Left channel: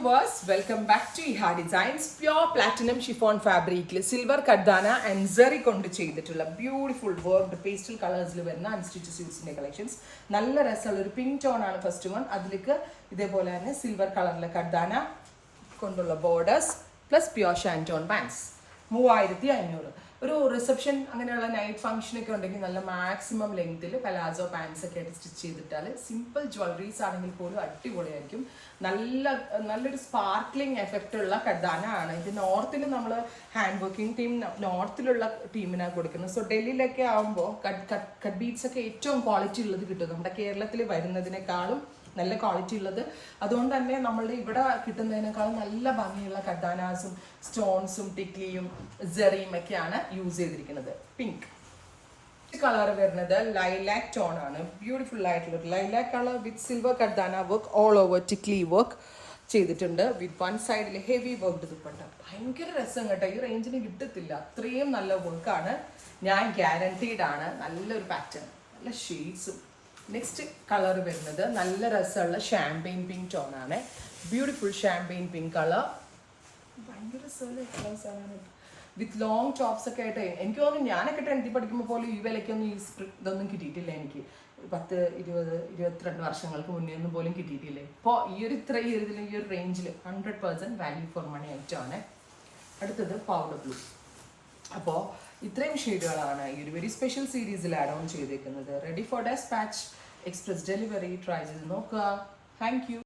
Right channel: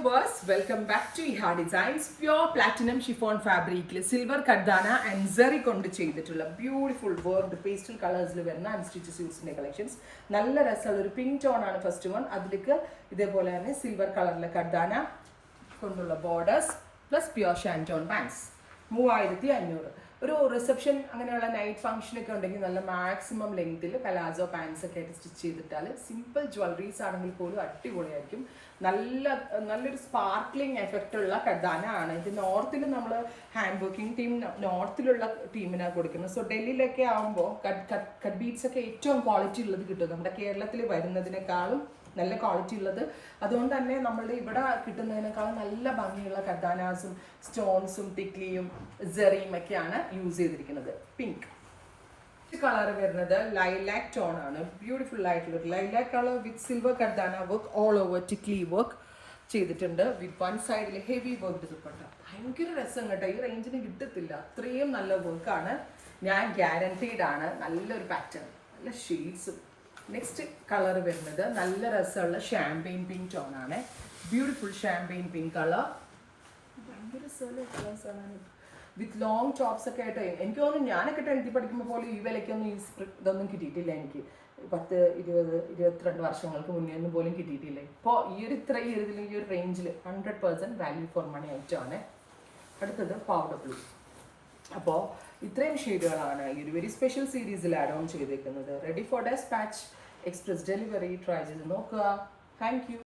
viewers, welcome back to Iha Designs. Pure platinum chiffon fabric, silver kardana and zari kondu ചെയ്തിട്ടുള്ള beautiful worked pastel colors വരുന്ന unstitched suits collections. നല്ല രസമുള്ള ഒരു pink tone ആണ് first one. അതിലേക്ക് ഇതേപോലെ തന്നെ സിൽവർ കളറിലെ കർദാന കൊണ്ടുള്ള ബോർഡേഴ്സ് പ്ലസ് പ്യൂർ ഷാൻറ്റോൺ പാൻസ് 3500. ഒരു റിസപ്ഷൻ അങ്ങനെയുള്ള നൈറ്റ് ഫംഗ്ഷൻ ഒക്കെ ഉണ്ടെങ്കിൽ നല്ല മാക്സിമം ലെങ്ത്തിൽ പലാസോ പാൻസ് ഒക്കെ ആയിട്ട് സ്റ്റിച്ച് ചെയ്തിട്ടാൽ സിമ്പിൾ ജ്വല്ലറീസ് ആണെങ്കിൽ പോലും അടിപൊളിയായിരിക്കും. നല്ലൊരു സ്പാർക്ലിംഗ് എഫക്റ്റ് ഉള്ള കർദാന ആണ് ഇത്. നോർത്തിൽ നമ്മൾ ഹാൻഡ് വർക്കിംഗ് ടീം നോർത്തിലുള്ള ടീമിനാണ് കൊടുക്കുന്നത്. സോ ഡൽഹിയിലൊക്കെ ആകുമ്പോൾ കട്ട് ബീഡ്സ് ഒക്കെ ഏറ്റവും ക്വാളിറ്റി ഉള്ളത് കിട്ടും. നമ്മുടെ കേരളത്തിൽ വരുന്നതിനേക്കാളും നല്ല ക്വാളിറ്റി ഉള്ളത്. അതുകൊണ്ട് തന്നെ നമ്മളുടെ ഇവിടെ കിട്ടുന്നതിനേക്കാളും നല്ല ഭംഗിയുള്ള കർദാനാസും സ്റ്റോൺസും ടിക്ലിയും ജെറിയും ഒക്കെയാണ് യൂസ് ചെയ്തിരിക്കുന്നത്. പിങ്ക് കളർ വരുന്നത് ലൈലാക്ക് ടോൺ ആണ്. ബ്യൂട്ടിഫുൾ ആയിട്ടുള്ള ലൈലാക്ക് കളർ വിത്ത് സിൽവർ കർദാന വർക്ക് ഓൾ ഓവർ ടിക്ലി വർക്ക് ചെയ്തിട്ടുണ്ട്. വിത്ത് വൺ സൈഡിൽ ഹെവി വർക്ക് ദുപ്പട്ട. ഭയങ്കര രസം കേട്ടോ. ഈ റേഞ്ചിന് കിട്ടത്തില്ല. അത്രയും നല്ല വർക്കാണ്. ഞാൻ ഗ്യാരണ്ടീഡ് ആണ്. നല്ലൊരു പാറ്റേൺ, നല്ല ഷെയ്ഡ്സും. നെക്സ്റ്റ് കളർ വരുന്നത് നല്ല രസമുള്ള ഷാമ്പെയിൻ പിങ്ക് ടോൺ ആണ്. Beautiful champagne pink colour. ഭയങ്കര രസമുള്ള കളേഴ്സാണ് വിത്ത് ലോങ് ടോപ്സ് ഒക്കെ ആയിട്ട്. എനിക്ക് തോന്നുന്നു ഞാനൊക്കെ 10th പഠിക്കുമ്പോൾ പോലും ഈ വിലയ്ക്കൊന്നും ഇതൊന്നും കിട്ടിയിട്ടില്ല. എനിക്ക് 10, 20, 22 വർഷങ്ങൾക്ക് മുന്നേ ഒന്നും പോലും കിട്ടിയിട്ടില്ല. ഇപ്പോൾ ഈ ഒരു റേഞ്ചിൽ 100% വാല്യൂ ഫോർ മണി ഐറ്റമാണ്. അടുത്തത് പൗഡർ ബ്ലൂ. അപ്പോൾ ഇത്രയും ഷെയ്ഡുകളാണ് ഈ ഒരു വെരി സ്പെഷ്യൽ സീരീസിൽ ആഡ് ഓൺ ചെയ്തേക്കുന്നത്. Ready for dispatch, express delivery. Try ചെയ്ത് നോക്കുക. Thank U.